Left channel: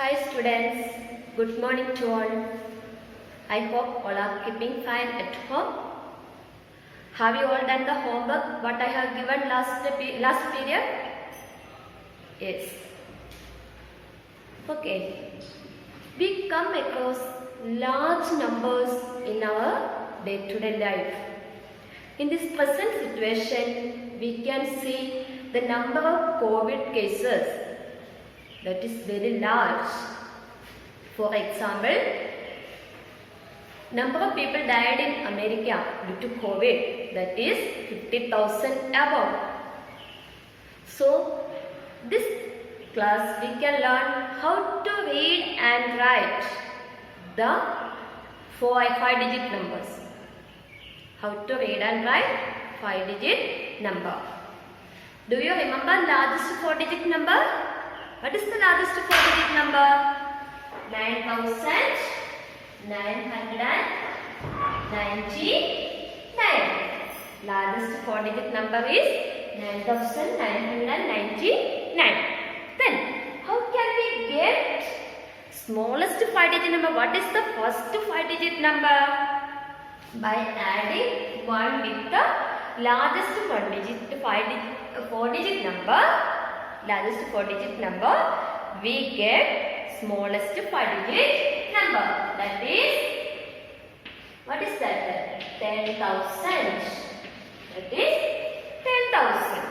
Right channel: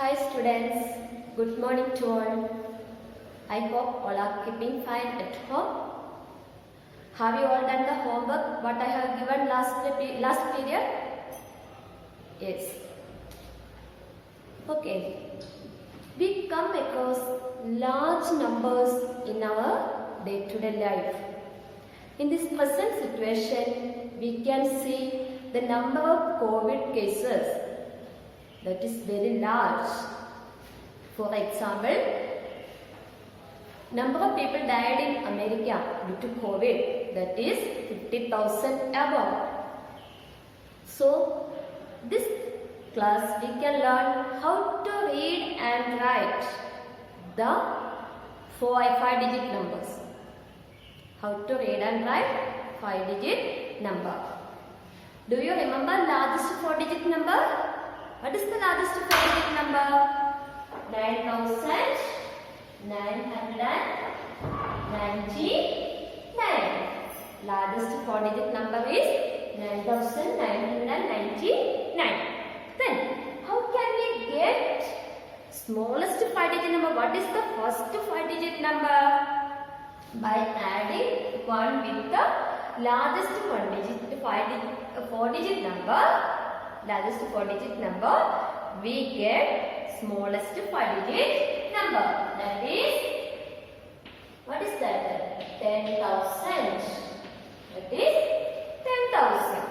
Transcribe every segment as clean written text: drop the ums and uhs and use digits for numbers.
Hi students, good morning to all. I hope all are keeping fine at home. Have you all done the homework what I have given last period? Yes. Okay. We come across large numbers in our day-to-day life. In this present situation, we can see the number of COVID cases that is very large. For example, number of people died in America due to COVID, that is 50,000 above. So, this class we can learn how to read and write the 5-digit numbers. How to read and write 5-digit number. Do you remember largest 4-digit number? What is the largest 4-digit number? 9,999. Largest 4-digit number is 9,999. Then, how can we get smallest 5-digit number? What is the first 5-digit number? By adding 1 with the largest 4-digit number, largest 4-digit number, we get smallest 5-digit number. That is, what is that? 10,000. That is 10,000.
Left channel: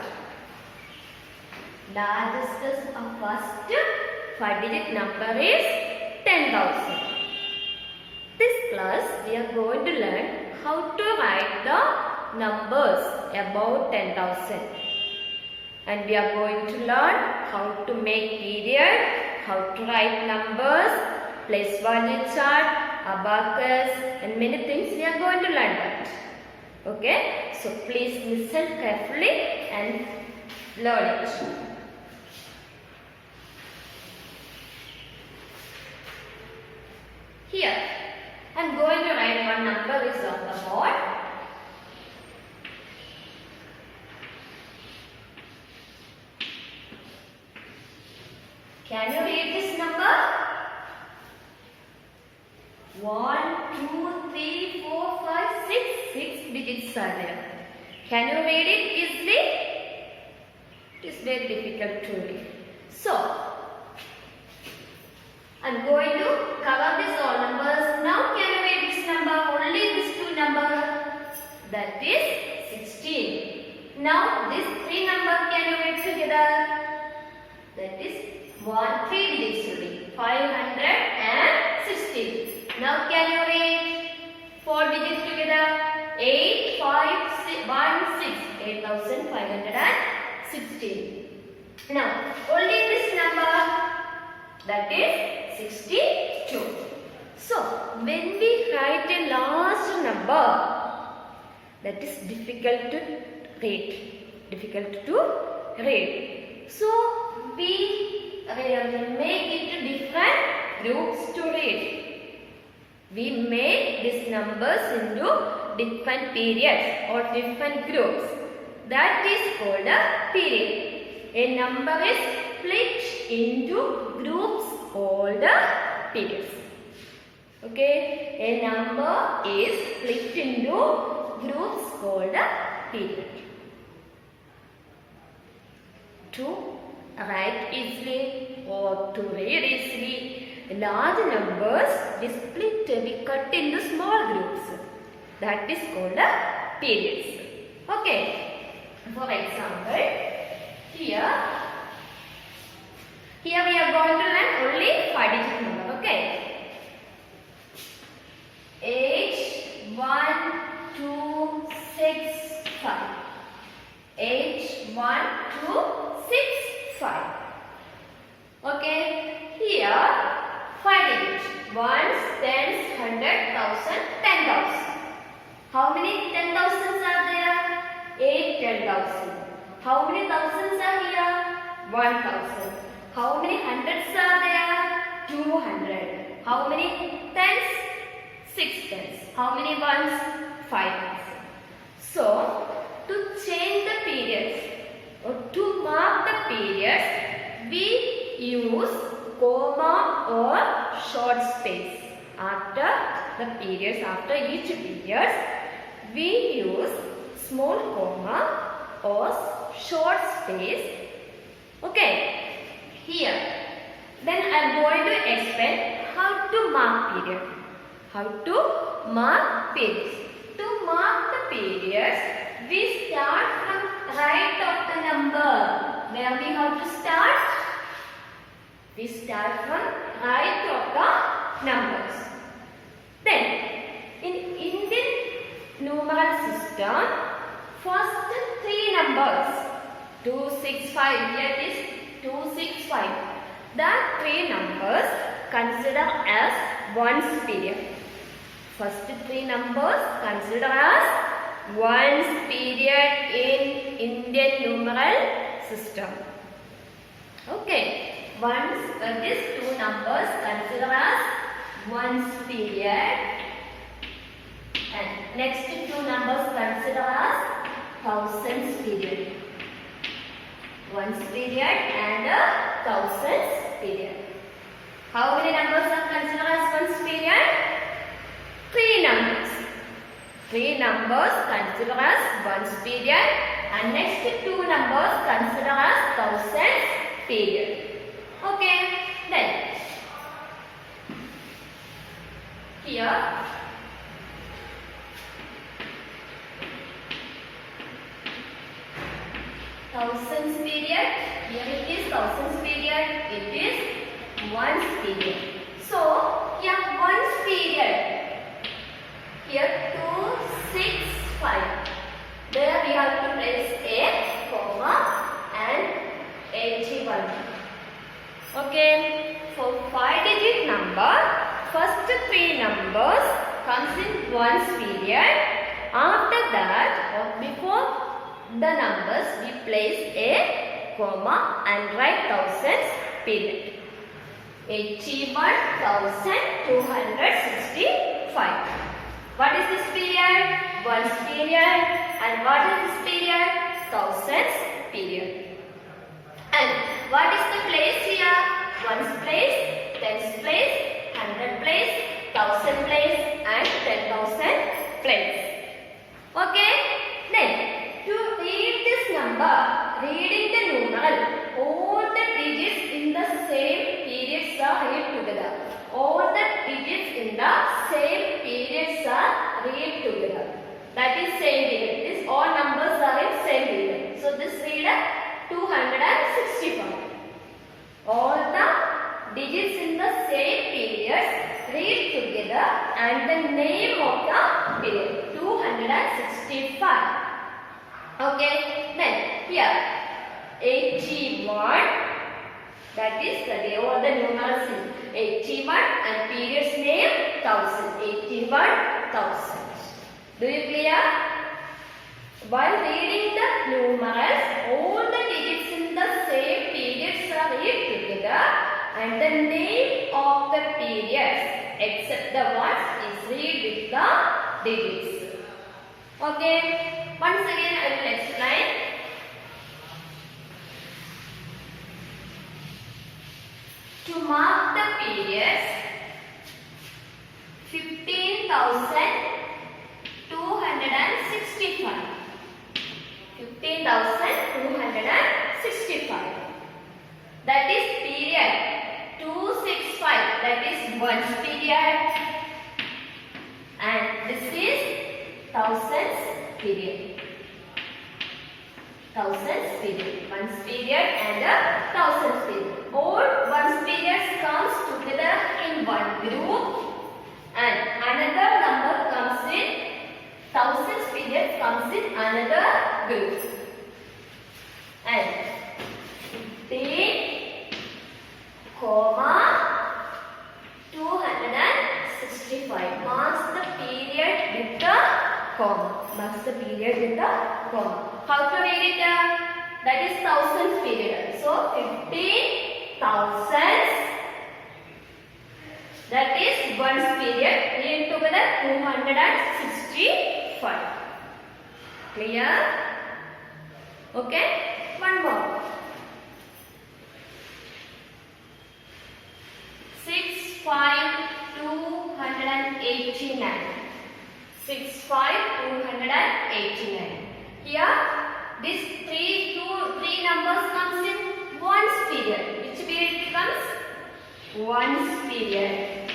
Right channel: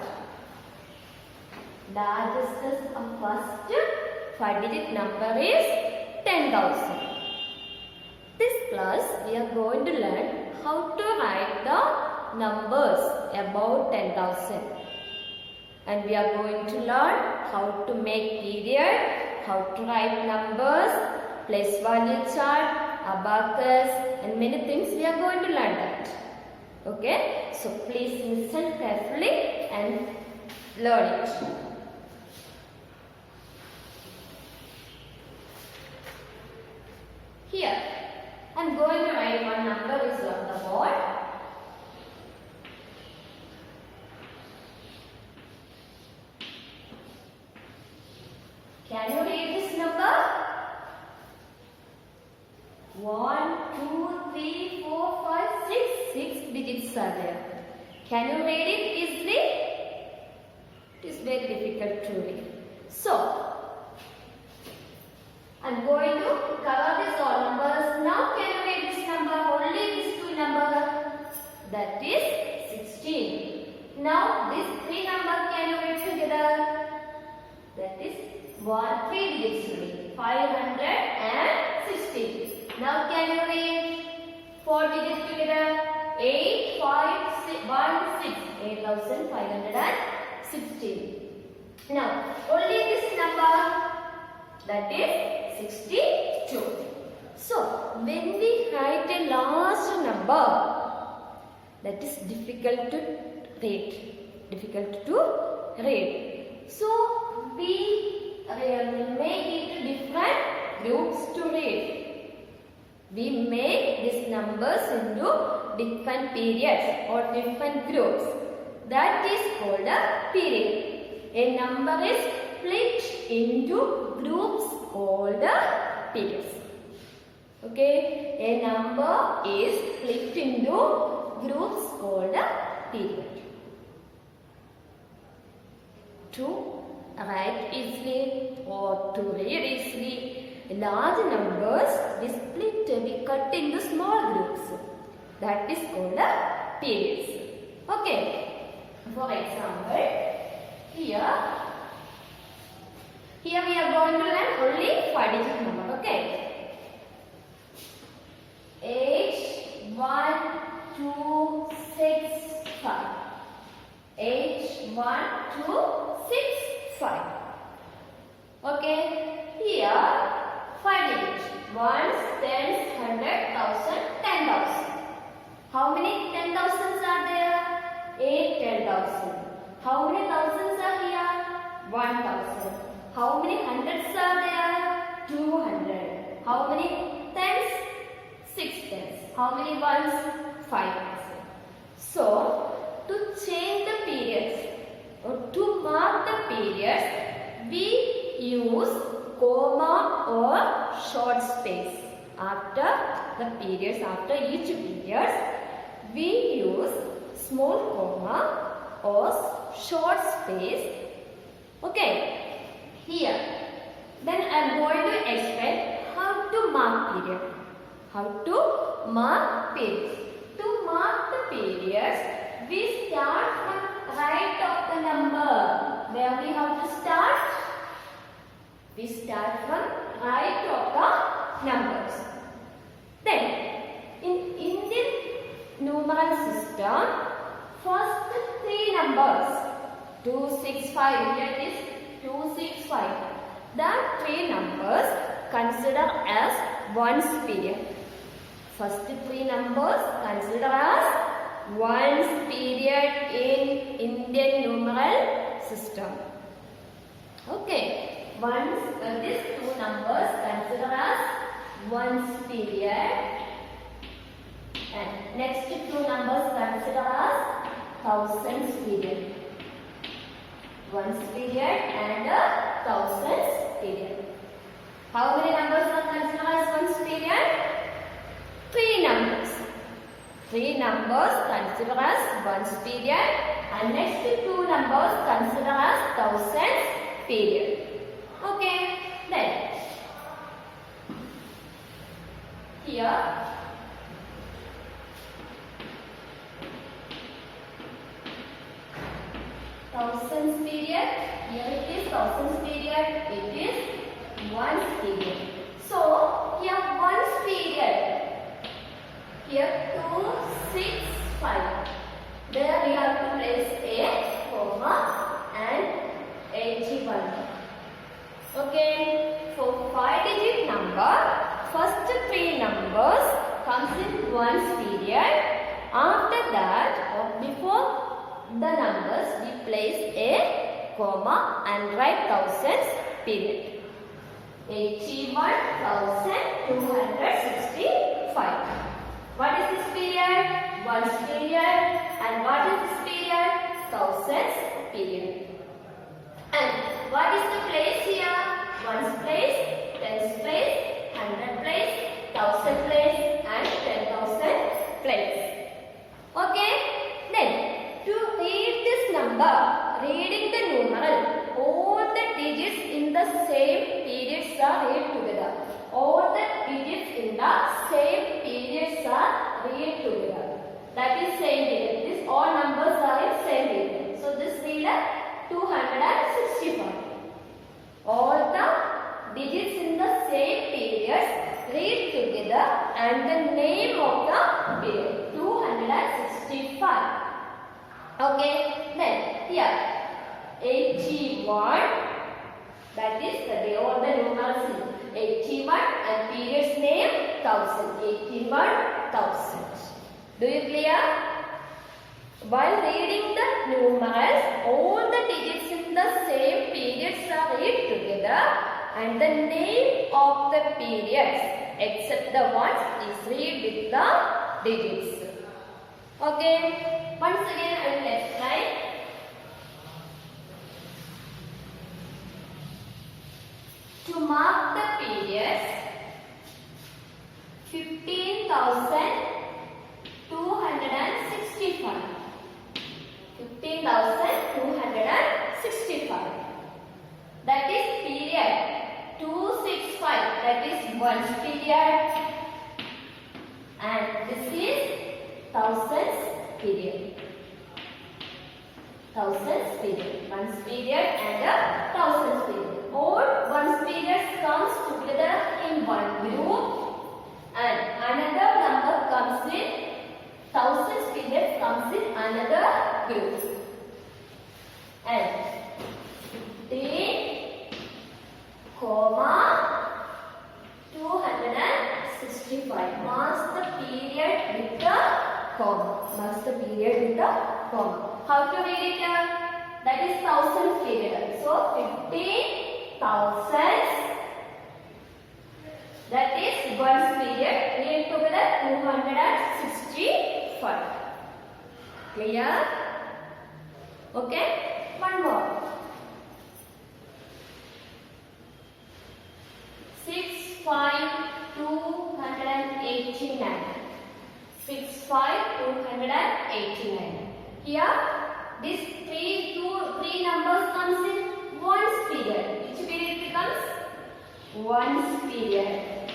Largest first 5-digit number is 10,000. This class we are going to learn how to write the numbers about 10,000. And we are going to learn how to make period, how to write numbers, place value chart, abacus, and many things we are going to learn that. Okay? So please listen carefully and learn it. Here, I am going to write one number is on the board. Can you read this number? 1, 2, 3, 4, 5, 6. 6 digits are there. Can you read it easily? It is very difficult to read. So, I am going to cover these all numbers. Now can you read this number? Only these two numbers. That is 16. Now this 3 numbers can you read together? That is 3 digits only. 560. Now can you read 4 digits together? 8, 5, 6, 1, 6. 8,516. Now only this number, that is 62. So when we write a large number, that is difficult to read. So we make it different groups to read. We make these numbers into different periods or different groups. That is called a period. A number is split into groups called periods. Okay, a number is split into groups called period. To write easily or to read easily, large numbers we split, we cut into small groups. That is called periods. Okay. For example, here we are going to learn only 5-digit number. Okay. 8, 1, 2, 6, 5. 8, 1, 2, 6, 5. Okay. Here 5 digits. Ones, tens, 100, 1,000, 10,000. How many 10,000s are there? 8 10,000. How many thousands are here? 1,000. How many hundreds are there? 200. How many tens? 6 tens. How many ones? 5 ones. So, to change the periods or to mark the periods, we use comma or short space. After the periods, after each period, we use small comma or short space. Okay, here. Then I am going to explain how to mark period. How to mark periods. To mark the periods, we start from right of the number. Where we have to start? We start from right of the numbers. Then, in Indian numeral system, first three numbers, 265, here it is 265. The three numbers consider as ones period. First three numbers consider as ones period in Indian numeral system. Okay, ones, these two numbers consider as ones period, and next two numbers consider as thousands period. Ones period and thousands period. How many numbers are considered as ones period? Three numbers. Three numbers considered as ones period, and next two numbers considered as thousands period. Okay, then here thousands period, here it is thousands period, it is ones period. So here ones period, here 265, there we have to place a comma and 81. Okay, for 5-digit number, first three numbers comes in ones period. After that, or before the numbers, we place a comma and write thousands period. 81,265. What is this period? Ones period. And what is this period? Thousands period. And what is the place here? Ones place, tens place, hundred place, thousand place, and 10,000 place. Okay? Then, to read this number, reading the numeral, all the digits in the same periods are read together. All the digits in the same periods are read together. That is same period. These all numbers are in same period. So this read 265. All the digits in the same periods read together and the name of the period 265. Okay, then here 81, that is the day or the numerals in 81 and period's name 1000. 81,000. Do you clear? While reading the numerals, all the digits in the same periods are read together and the name of the periods except the ones is read with the digits. Okay, once again I will explain. To mark the periods, 15,265. 15,265. That is period 265. That is ones period. And this is thousands period. Thousands period. Ones period and a thousands period. All ones periods comes together in one group and another number comes in thousands period comes in another group. And 15, 265 marks the period with the comma. Marks the period with the comma. How to read it? That is thousands period. So 15,000. That is ones period. Read together 265. Clear? Okay. One more. 289. 289. Here, this three numbers comes in ones period. Which period it comes? Ones period.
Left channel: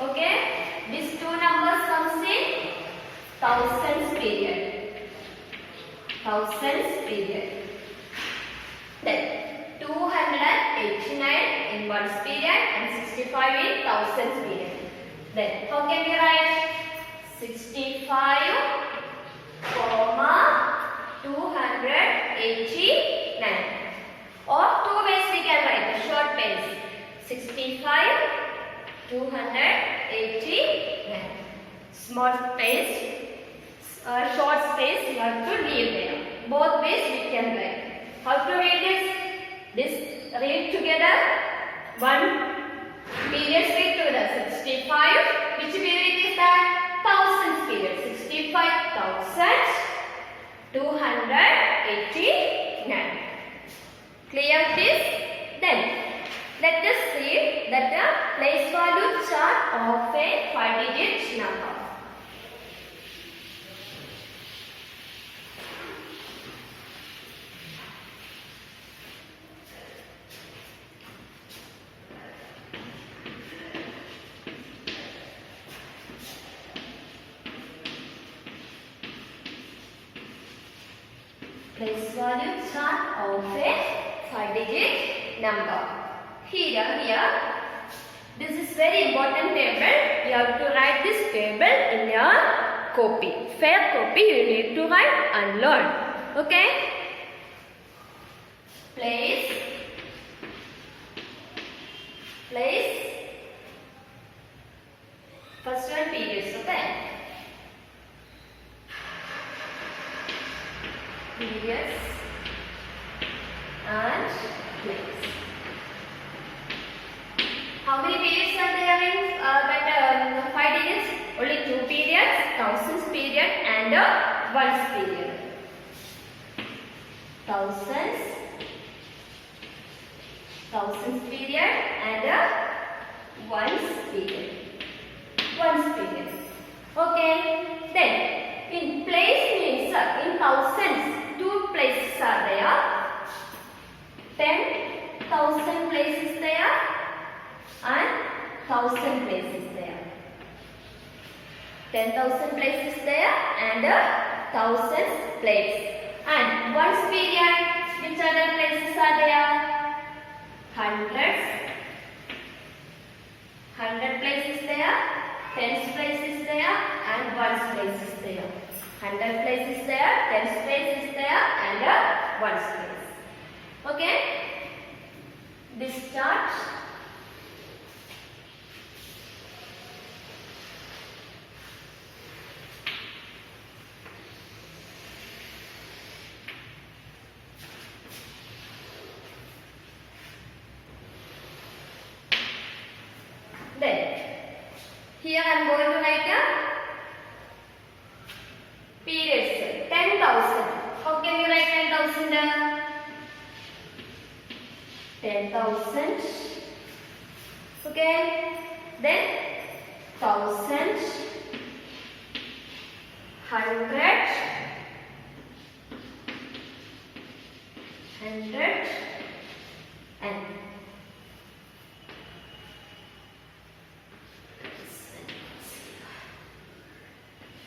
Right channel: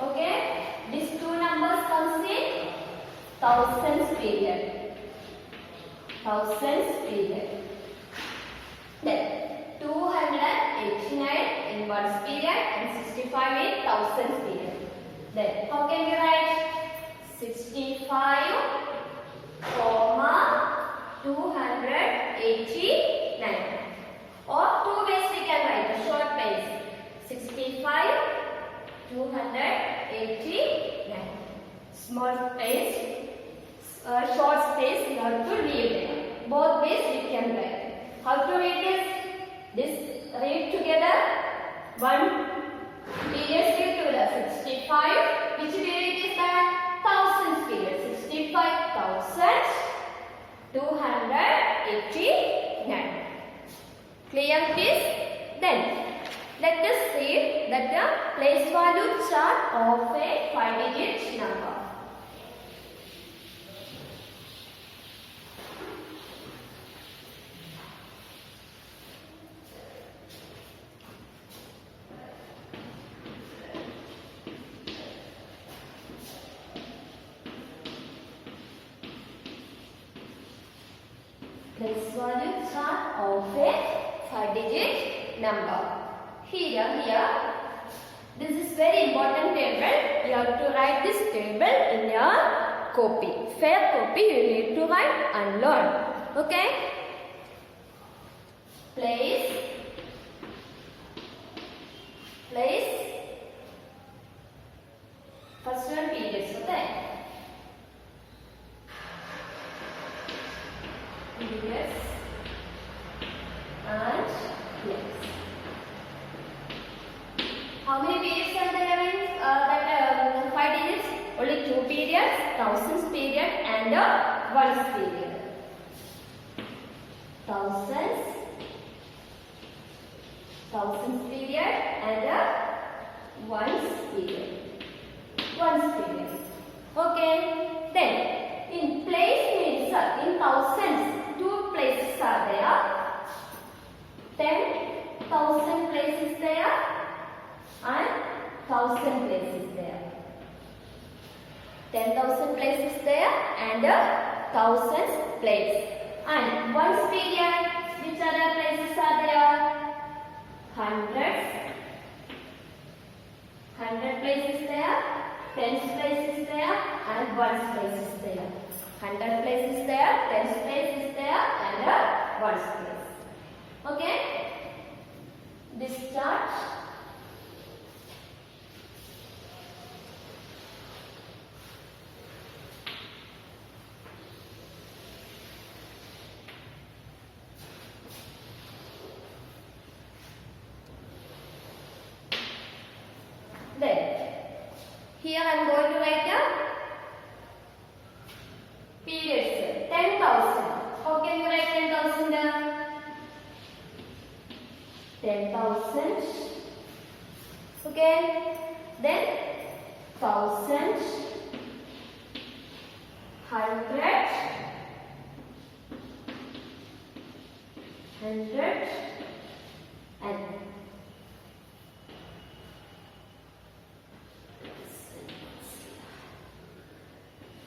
Okay. These two numbers comes in thousands period. Thousands period. Then 289 in ones period and 65 in thousands period. Then how can we write? 65, 289. Or two ways we can write the short ways. 65, 289. Small space, short space you have to leave there. Both ways we can write. How to read this? This read together. One period read together. 65. Which period is that? Thousands period. 65,289. Clear this? Then let us read that the place value chart of a 5-digit number. Place value chart of a 5-digit number. Here, this is very important table. You have to write this table in your copy. Fair copy you need to write and learn. Okay? Place. First one periods, okay? Periods and place. How many periods are there in that 5 digits? Only 2 periods, thousands period and ones period. Thousands period and ones period. Okay. Then in place means in thousands, 2 places are there. 10,000 places there and 1,000 places there. 10,000 places there and 1,000 places. And ones period, which other places are there? Hundreds. 100 places there, tens places there and ones places there. 100 places there, tens places there and ones place. Okay? This chart. Then, here I am going to write a periods. 10,000. How can you write 10,000? 10,000. Okay. Then, 1,000. 100. 100. And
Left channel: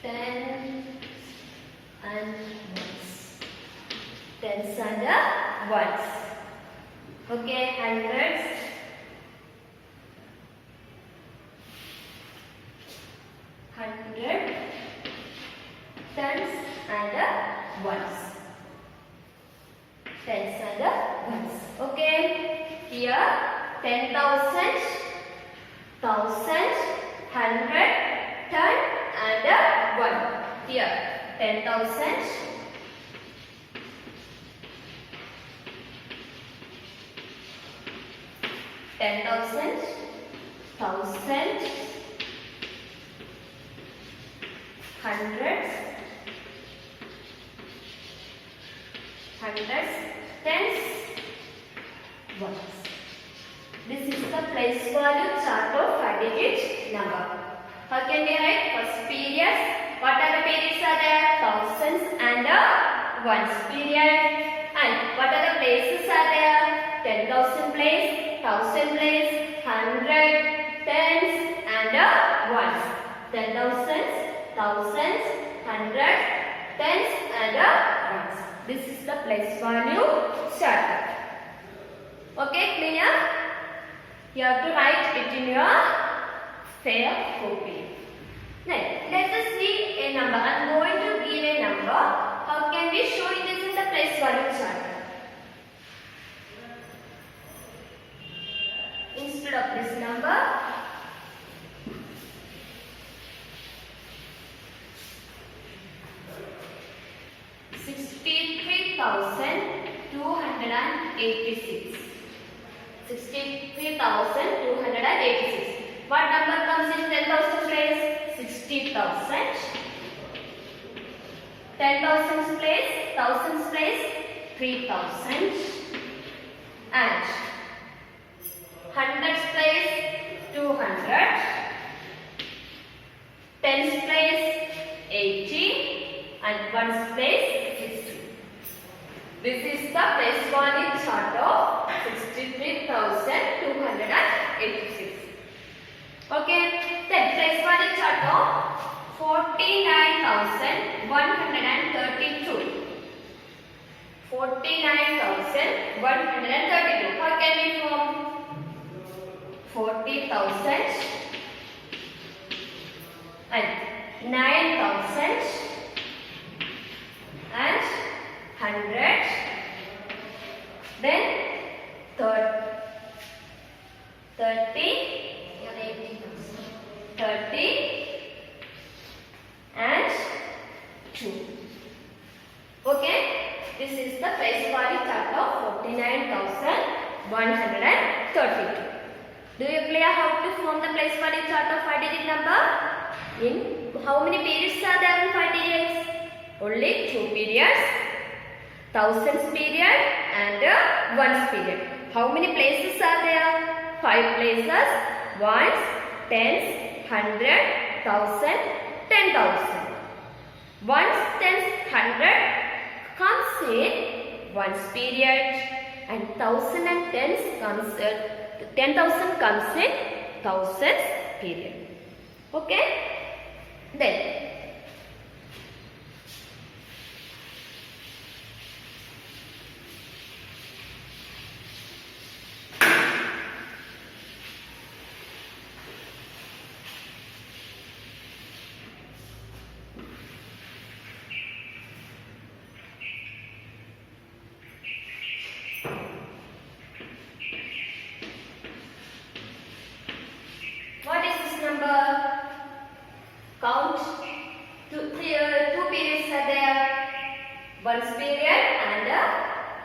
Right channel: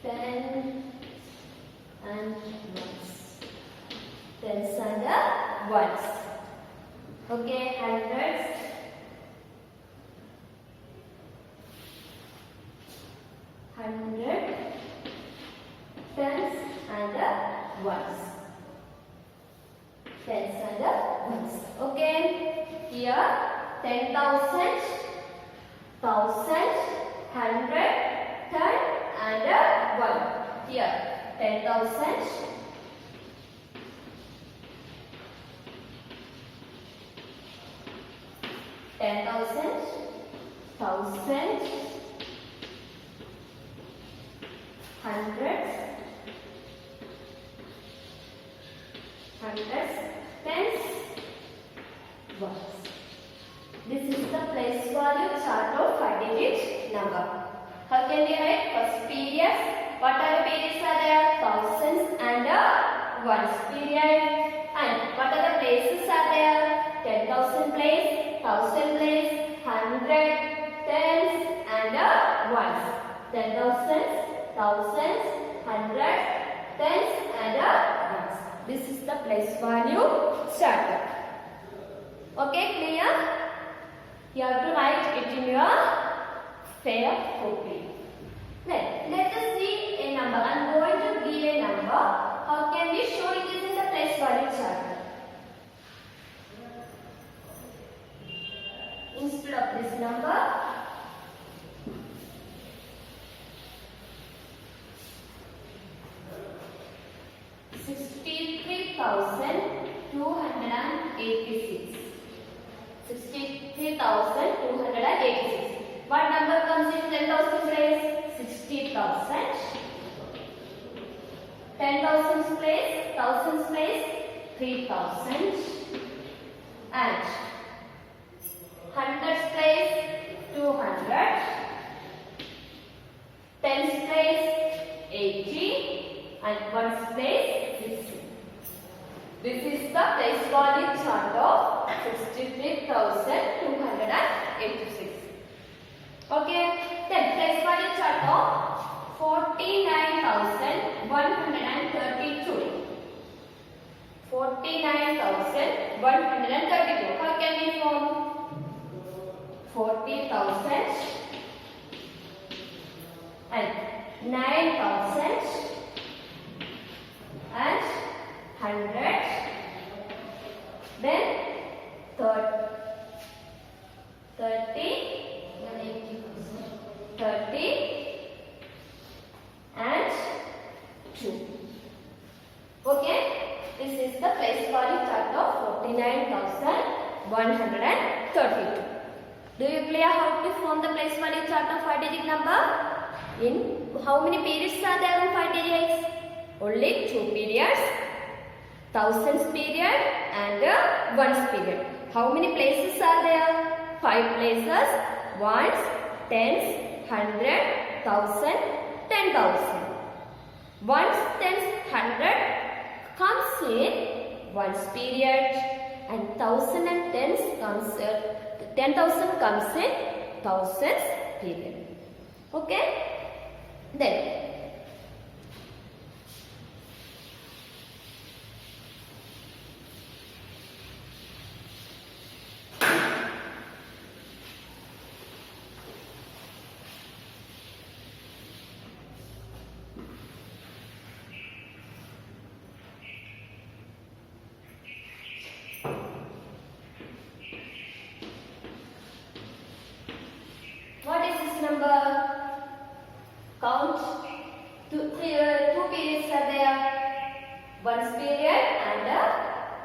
10 and ones. Tens and ones. Okay, hundreds. 100. Tens and ones. Tens and ones. Okay, here 10,000, 1,000, 100, 10 and 1. Here 10,000, 10,000, 1,000, hundreds, tens, ones. This is the place value chart of 5 number. How can we write? First periods. What are the periods are there? Thousands and ones period. And what are the places are there? 10,000 place, 1,000 place, 100, tens and ones. 10,000, thousands, 100, tens and ones. This is the place value starter. Okay, clear? You have to write it in your fair copy. Then let us see a number. I am going to give a number. How can we show it is in the place value chart? Instead of this number, $63,286. 63,286. What number comes in 10,000 place? 60,000. 10,000 place, thousands place, 3,000. And hundreds place, 200. Tens place, 80. And ones place, 60. This is the place value chart of 63,286. Okay, then place value chart of 49,132. 49,132. What can we form? 40,000 and 9,000 and 100. Then 30 and 2. Okay, this is the place value chart of 49,132. Do you clear how to form the place value chart of 5-digit number? In how many periods are there in 5 digits? Only 2 periods, thousands period and ones period. How many places are there? 5 places, ones, tens, 100, 1,000, 10,000. Ones, tens, 100 comes in ones period and 1,000 and tens comes 10,000 comes in thousands period. Okay? Then what is this number? Count. Two periods are there. Ones period and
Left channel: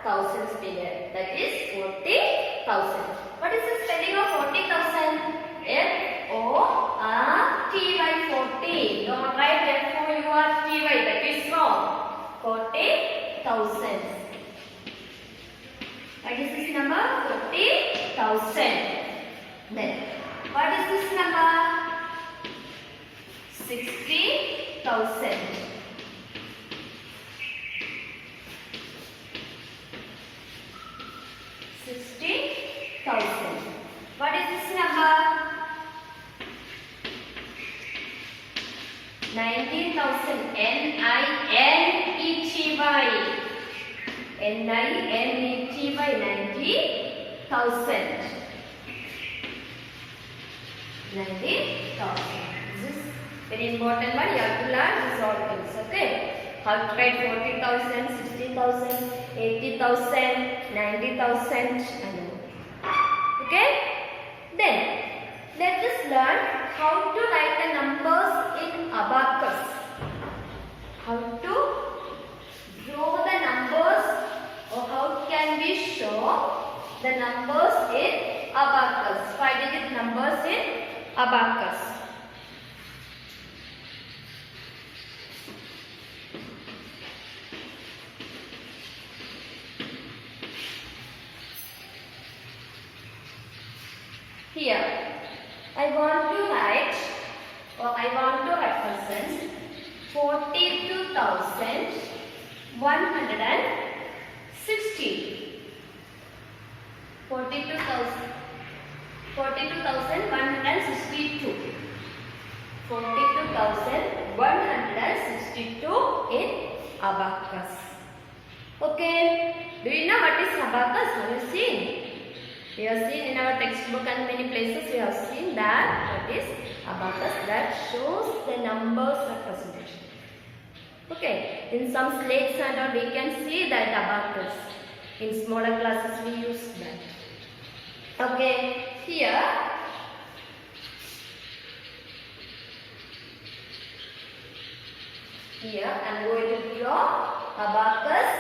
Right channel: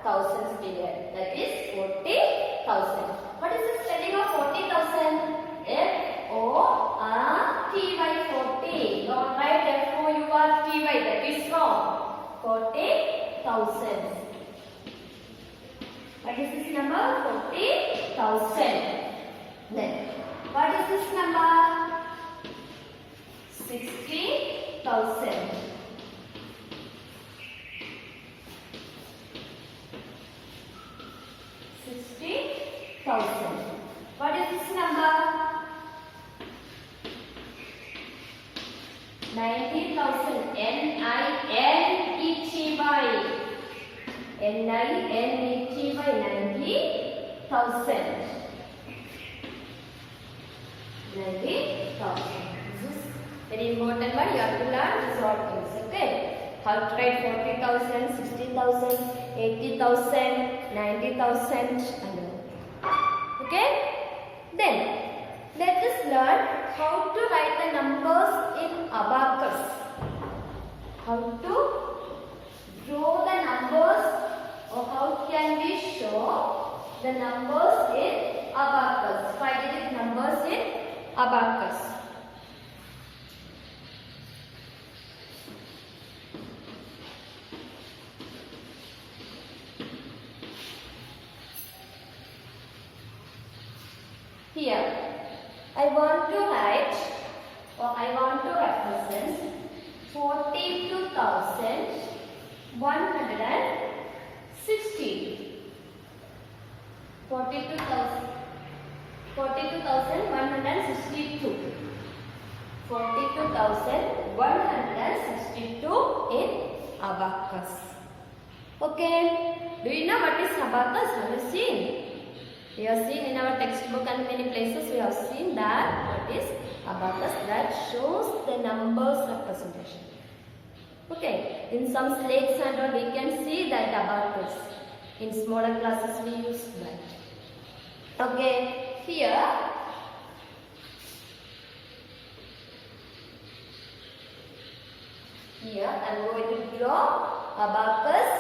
thousands period. That is 40,000. What is the spelling of 40,000? F-O-R-T-Y 40. Don't write F-O-U-R-T-Y. That is wrong. 40,000. What is this number? 40,000. Then what is this number? 60,000. 60,000. What is this number? 90,000. N-I-N-E-T-Y. N-I-N-E-T-Y. 90,000. 90,000. This is very important one. You have to learn this all things. Okay. How to write 40,000, 60,000, 80,000, 90,000. Okay. Then let us learn how to write the numbers in abacus. How to draw the numbers, or how can we show the numbers in abacus? 5-digit numbers in abacus. Here I want to write or I want to represent 42,160. 42,162. 42,162 in abacus. Okay. Do you know what is abacus? Have you seen? We have seen in our textbook and many places we have seen that what is abacus, that shows the numbers representation. Okay. In some slates and all we can see that abacus. In smaller classes we use that. Okay. Here I'm going to draw abacus.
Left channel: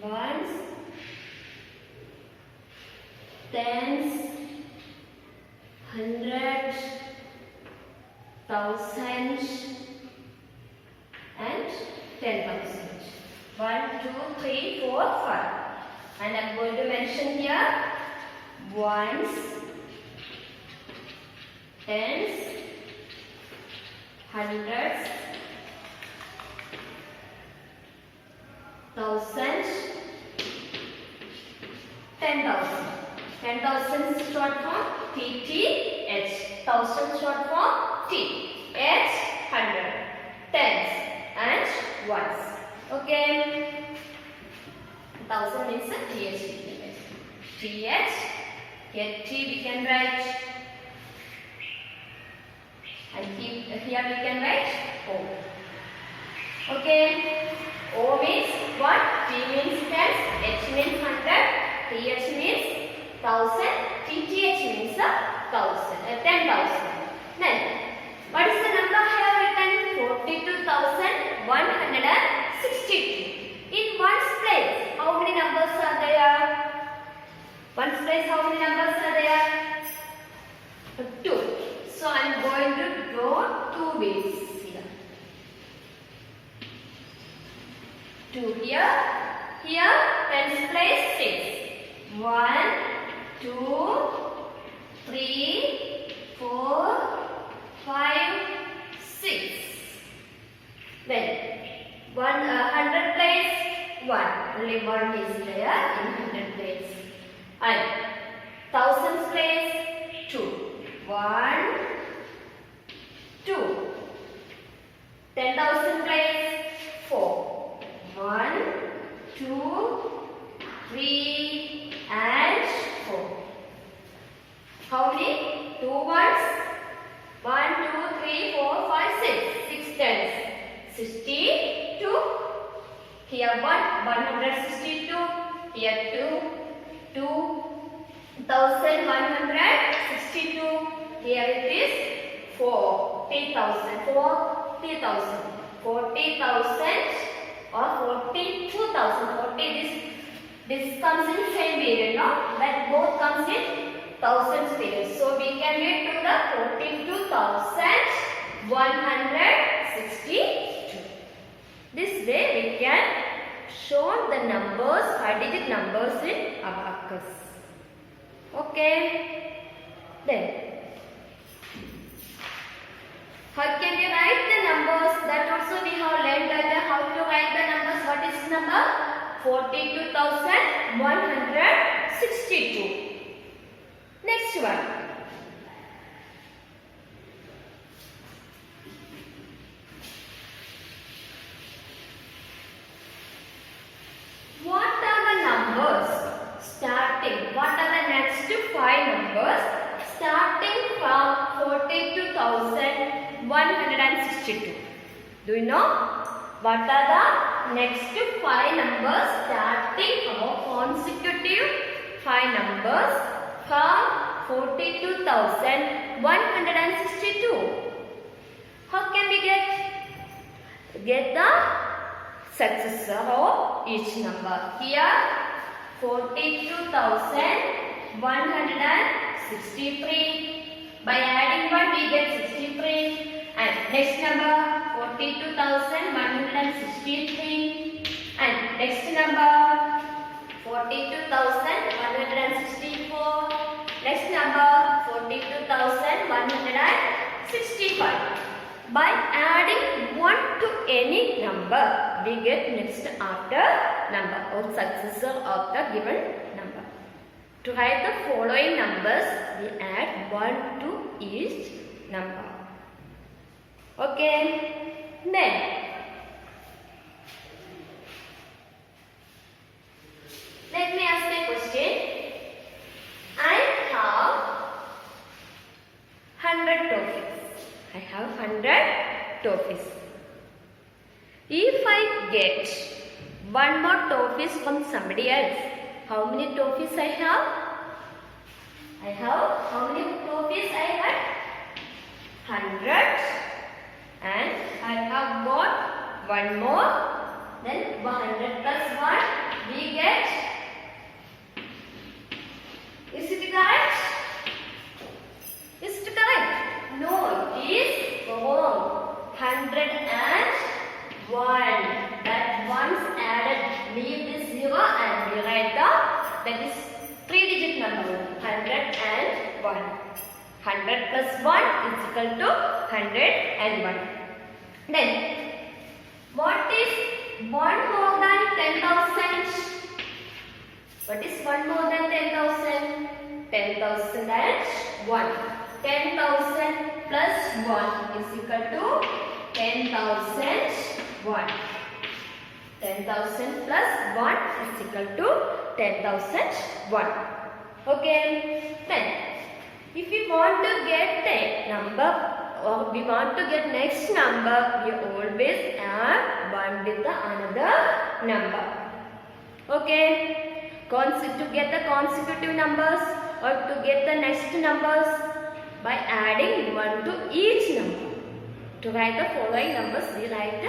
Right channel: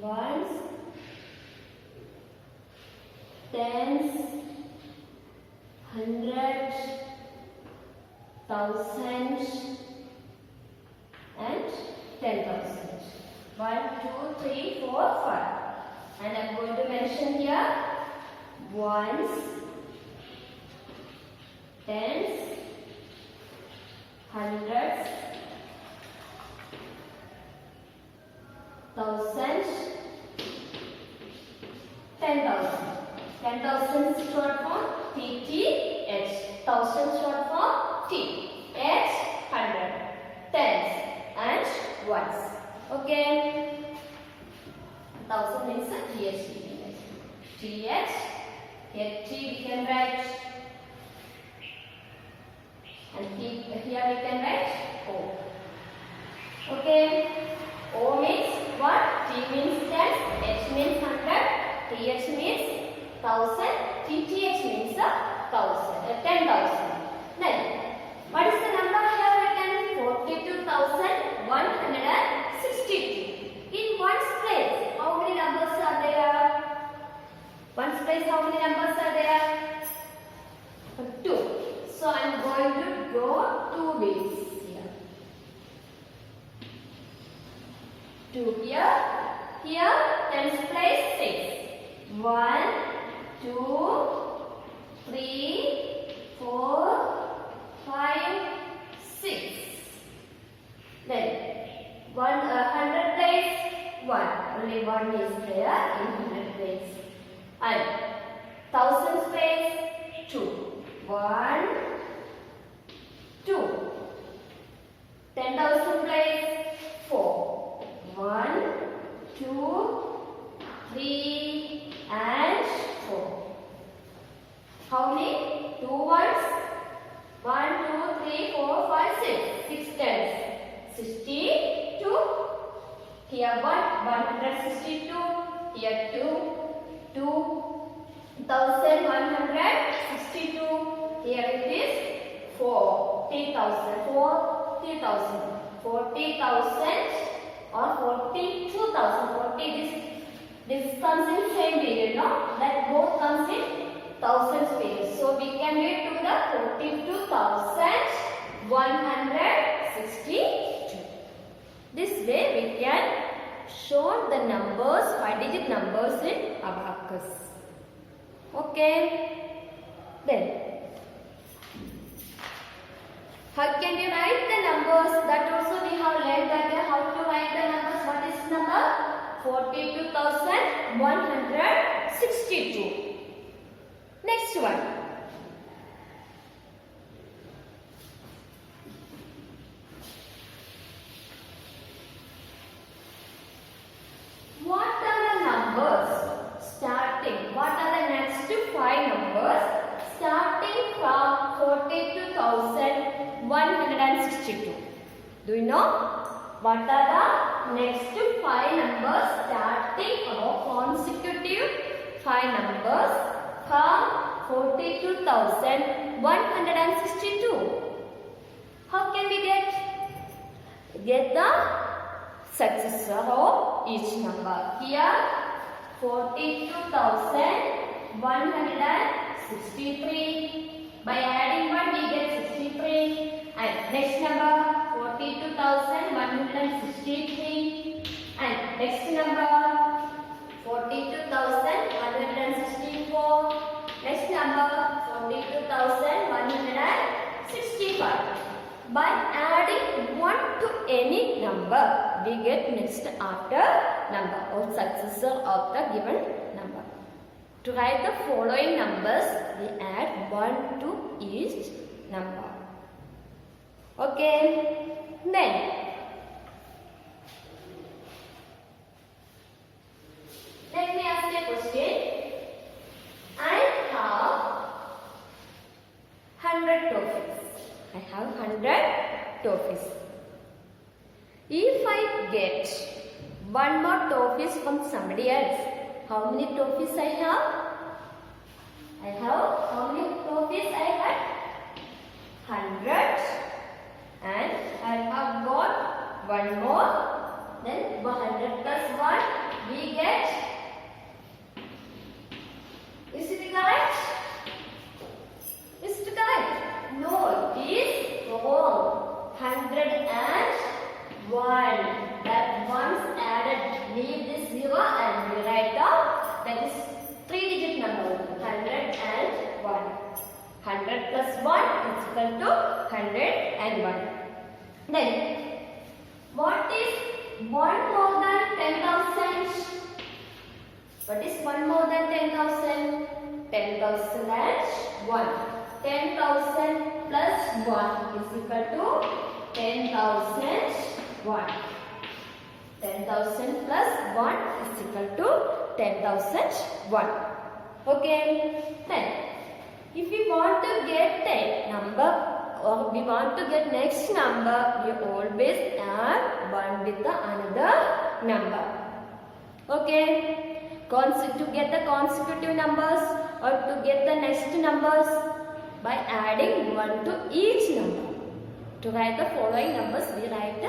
Ones, tens, hundreds, thousands, and 10,000. 1, 2, 3, 4, 5. And I'm going to mention here ones, tens, hundreds, thousands, 10,000. 10,000 is short form TTH. Thousand short form T. H 100. Tens and ones. Okay. 1000 means a TH. TH. Here T we can write. And here we can write O. Okay. O means what? T means tens. H means 100. TH means 1000. TTH means 10,000. Then, what is the number here written? 42,162. In one's place, how many numbers are there? One's place, how many numbers are there? 2. So, I am going to draw 2 ways here. 2 here. Here, tens place 6. 1, 2, 3, 4, 5, 6. Then 100 place 1. Only 1 is there in 100 place. And thousands place 2. 1, 2. 10,000 place 4. 1, 2, 3 and 4. How many? 2 ones? 1, 2, 3, 4, 5, 6. 6 tens. 62. Here 162. Here 2,162. Here it is 40,000. 40,000. 40,000 or 42,000. 40 this comes in same period, no? That both comes in thousands period. So we can read to the 42,162. This way we can show the numbers, 5-digit numbers in abacus. Okay. Then, how can we write the numbers? That also we have learned that how to write the numbers. What is number? 42,162. Next one. What are the numbers starting? What are the next 5 numbers starting from 42,162? Do you know? What are the next 5 numbers starting or consecutive 5 numbers from 42,162? How can we get the successor of each number? Here 42,163. By adding 1 we get 63. And next number 42,163. And next number 42,164. number 42,165. By adding 1 to any number, we get next after number or successor of the given number. To write the following numbers, we add 1 to each number. Okay, then let me ask a question. I have 100 toffees. I have 100 toffees. If I get one more toffees from somebody else, how many toffees I have? How many toffees I had? 100. And I have got one more. Then 100 plus 1, we get. Is it correct? Is it correct? No, it is wrong. 101. That once added, leave this 0 and we write that is 3-digit number. 101. 100 plus 1 is equal to 101. Then, what is 1 more than 10,000? What is 1 more than 10,000? 10,000 and 1. 10,000 plus 1 is equal to 10,001. 10,000 plus 1 is equal to 10,001. Okay. Then, if we want to get a number or we want to get next number, we always add 1 with the another number. Okay. To get the consecutive numbers or to get the next numbers, by adding 1 to each number. To write the following numbers, we write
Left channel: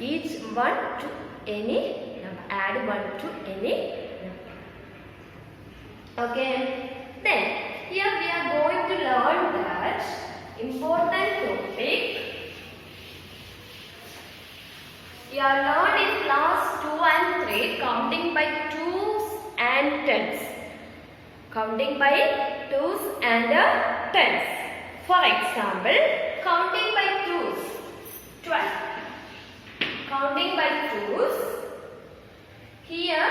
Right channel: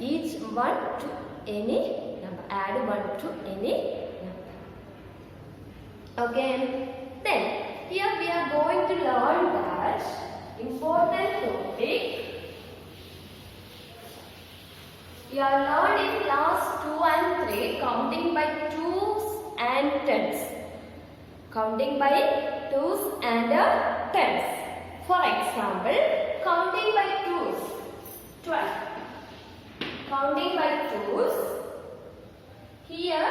each 1 to any number. Add 1 to any number. Okay. Then, here we are going to learn that important topic. We are learned in class 2 and 3 counting by 2s and 10s. Counting by 2s and 10s. For example, counting by 2s, 12. Counting by 2s, here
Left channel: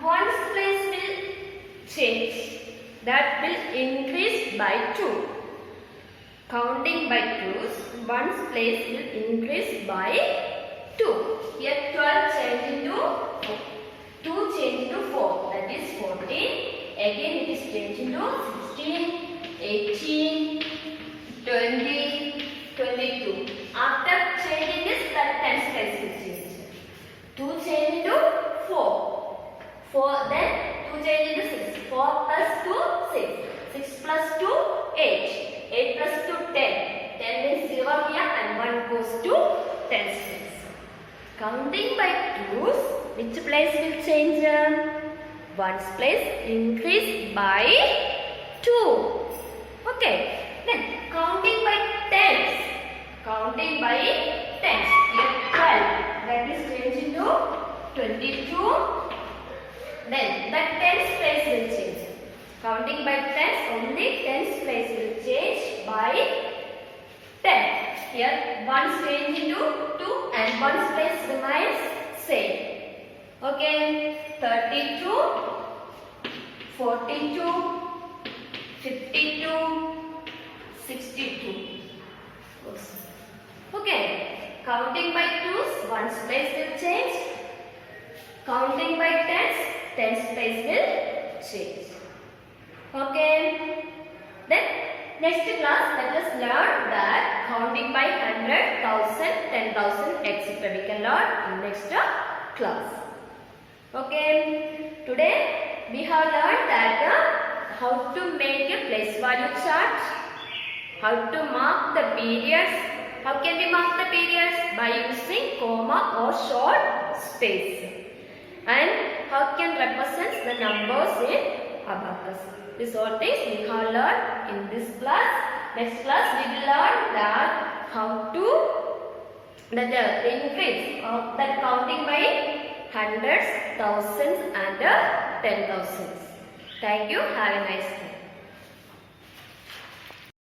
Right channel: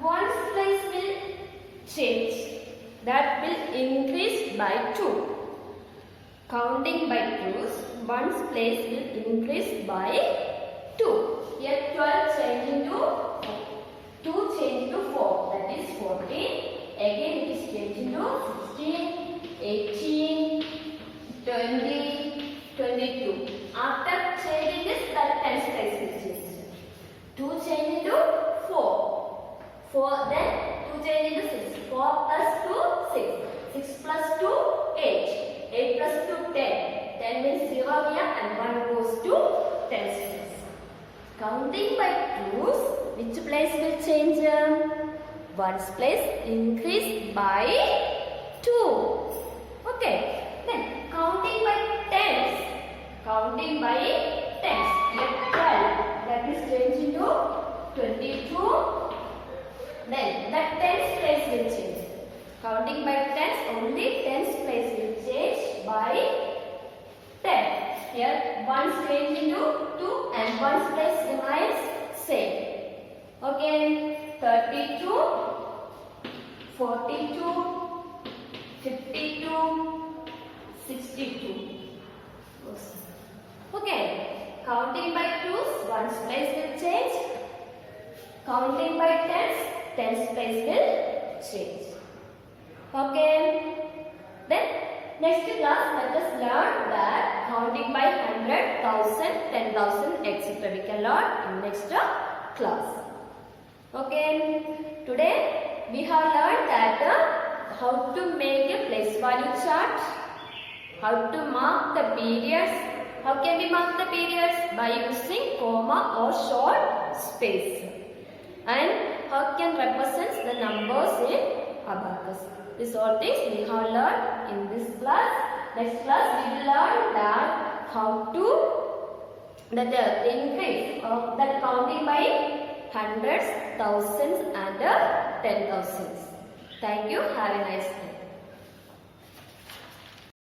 one's place will change. That will increase by 2. Counting by 2s, one's place will increase by 2. Here 12 change into 4. 2 change into 4. That is 14. Again it is changed into 16, 18, 20, 22. After changing this, that 10's place will change. 2 change into 4. 4 then 2 change into 6. 4 plus 2, 6. 6 plus 2, 8. 8 plus 2, 10. 10 means 0 here and 1 goes to 10's place. Counting by 2's, which place will change? 1's place increase by 2. Okay. Then counting by 10's. Counting by 10's. Here 12. That is changed into 22. Then that 10's place will change. Counting by 10's, only 10's place will change by 10. Here 1's change into 2 and 1's place remains same. Okay, 32, 42, 52, 62. Okay, counting by 2's, 1's place will change. Counting by 10's, 10's place will change. Okay, then next class let us learn that counting by 100, 1000, 10,000 etc. we can learn in next class. Okay, today we have learned that how to make a place value chart, how to mark the periods. How can we mark the periods? By using comma or short space. And how can represent the numbers in abacus. These all things we have learned in this class. Next class we will learn that how to the increase of that counting by hundreds, thousands and 10,000s. Thank you. Have a nice day.